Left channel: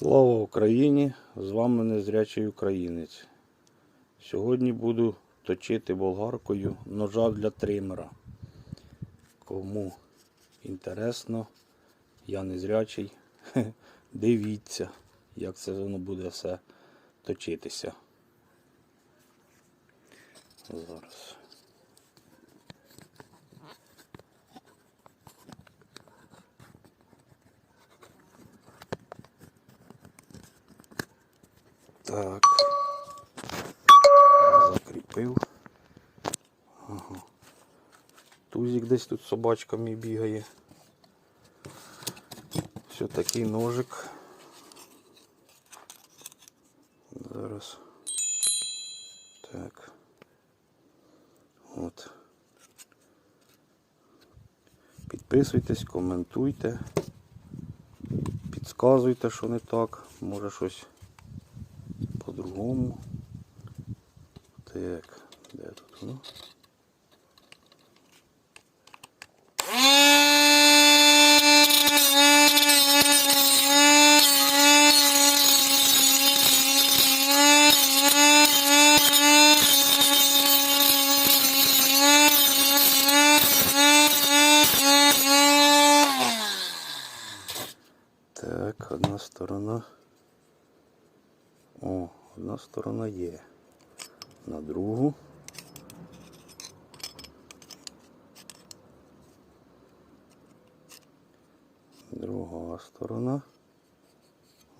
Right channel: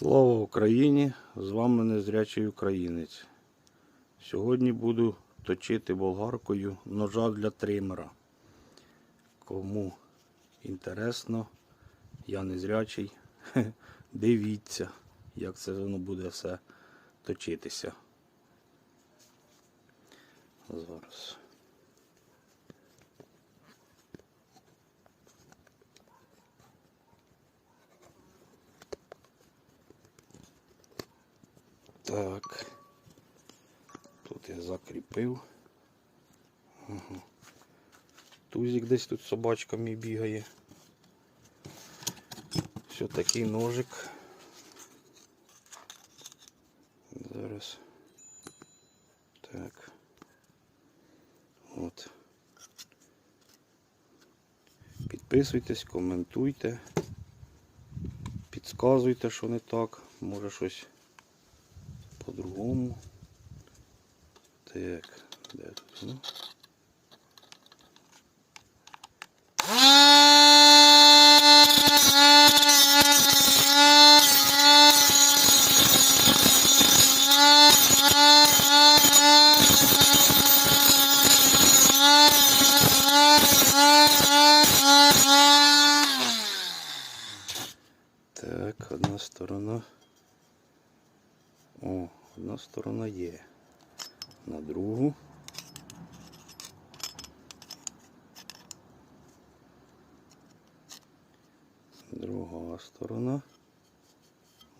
Слава Україні! З вами незрячий українець. Сьогодні буду точити болгаркою ножа для тримера. Кому інтересно, я незрячий. Дивіться, як це воно буде все точитися. Зараз. Так. Закріпив. Ага. Тузик десь тут собачка мій бігає. Все такий ножик. Зараз. Так. От. Підписуйтесь, коментуйте, підказуйте, що не так. Може щось по-другому. Так, де тут воно? Так, одна сторона. О, одна сторона є. На другу. Друга сторона.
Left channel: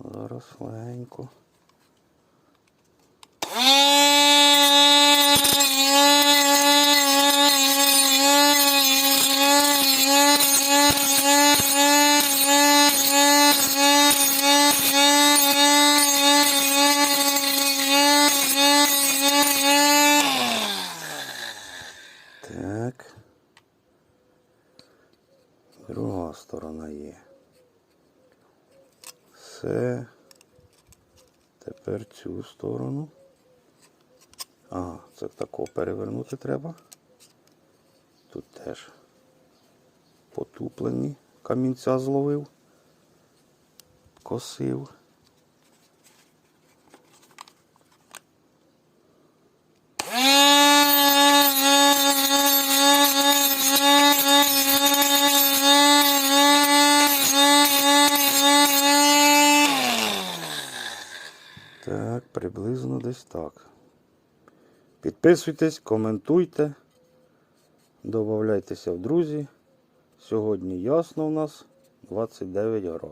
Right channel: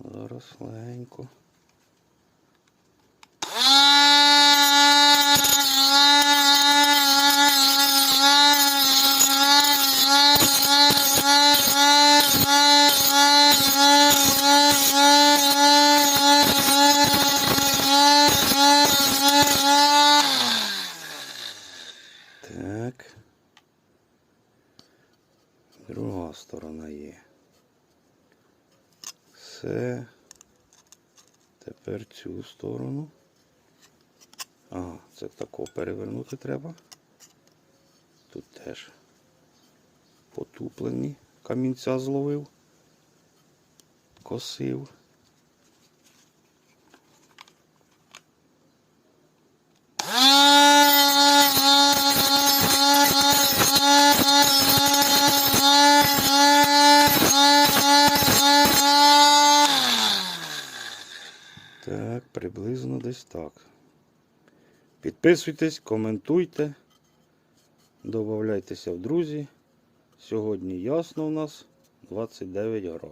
Зараз легенько. Так. Друга сторона є. Все. Тепер цю сторону. Ага, це тако перевернути треба. Тут теж потуплені. Камінця зловив. Косив. Так, приблизно десь так. Підписуйтесь, коментуйте, додавайтеся в друзі. Сьогодні ясно у нас 29 градусів.